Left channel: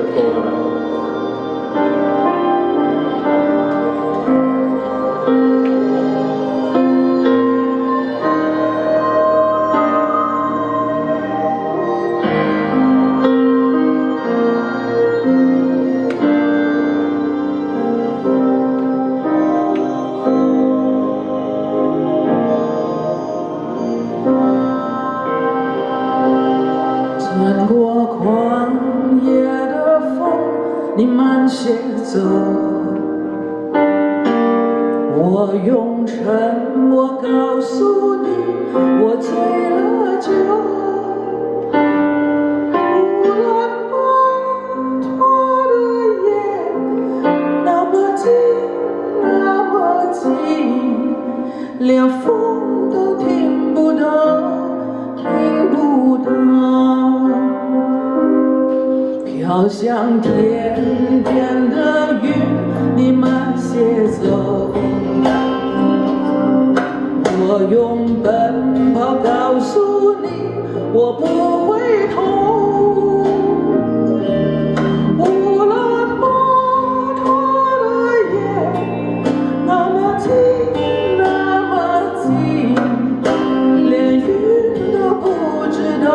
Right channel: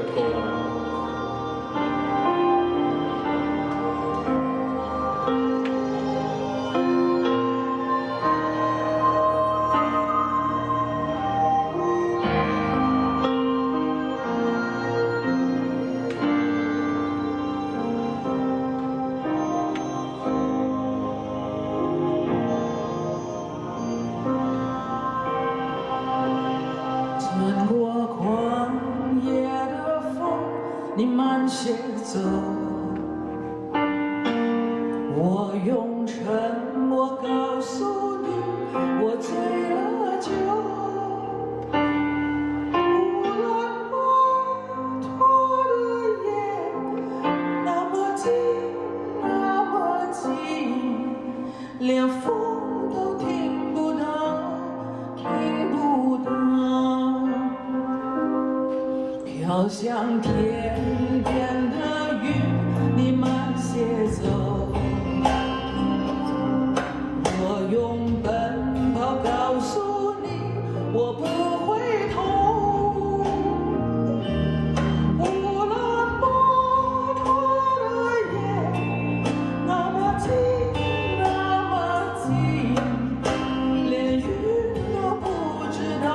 首歌噶啦。穿过旷野的风，你慢些走。我用沉默告诉你，我醉了酒。乌兰巴托的夜那么近，那么近，连风都听不到，听不到。飘向天边的云，你慢些走。我用奔跑告诉你，我不回头。乌兰巴托的夜那么近，那么近，连云都不知道，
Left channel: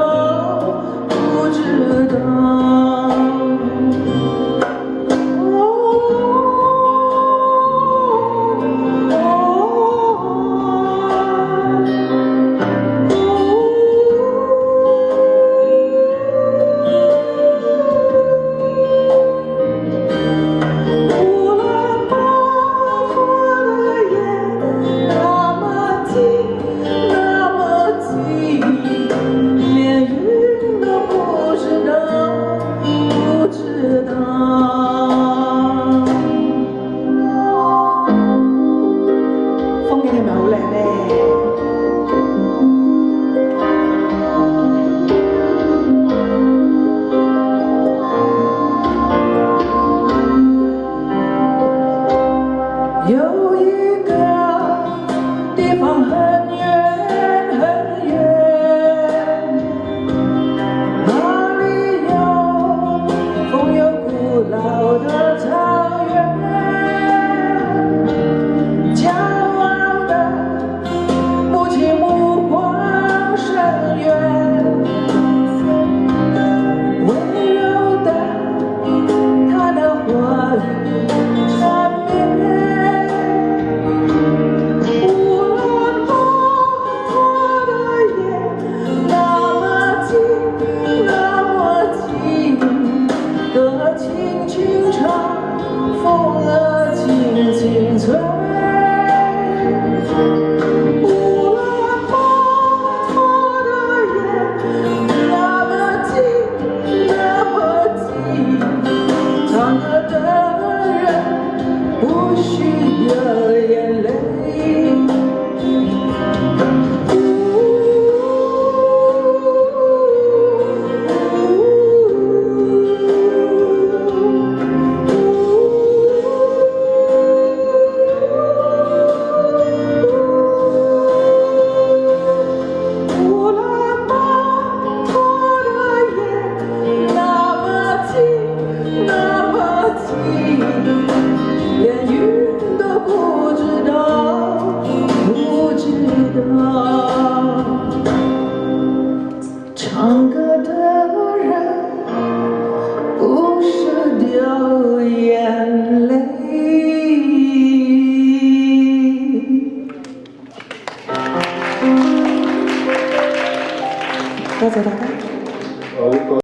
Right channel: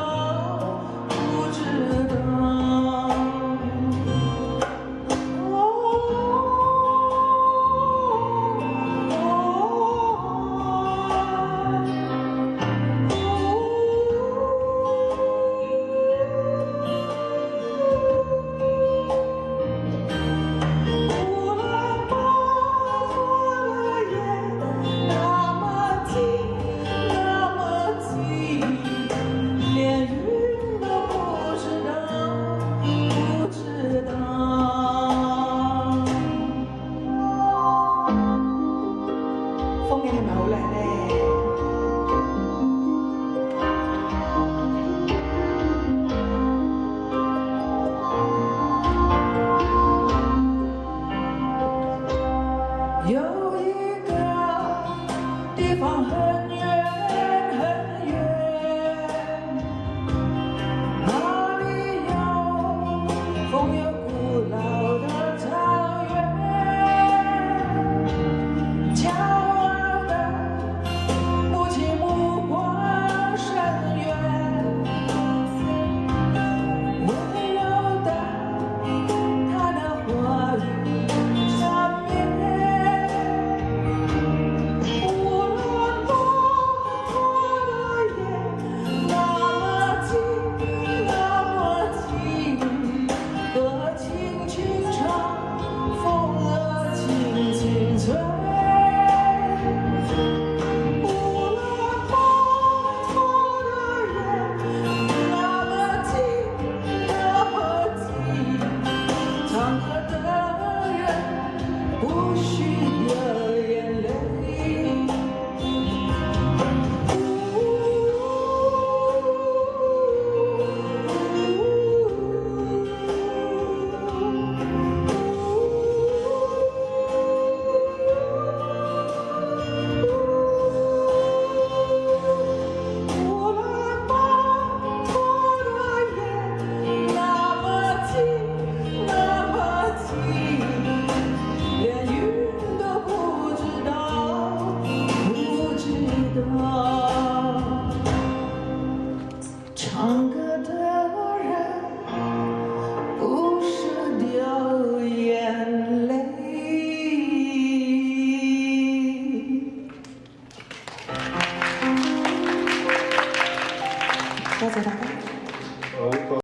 不知道。有一个地方很远很远，那里有风有古老的草原，骄傲的母亲目光深远，温柔的她的话语缠绵。风儿轻轻吹，乌兰巴托的夜那么近，那么近，唱歌的人不许掉眼泪。唱歌的人不舍掉眼泪。多謝大家。好。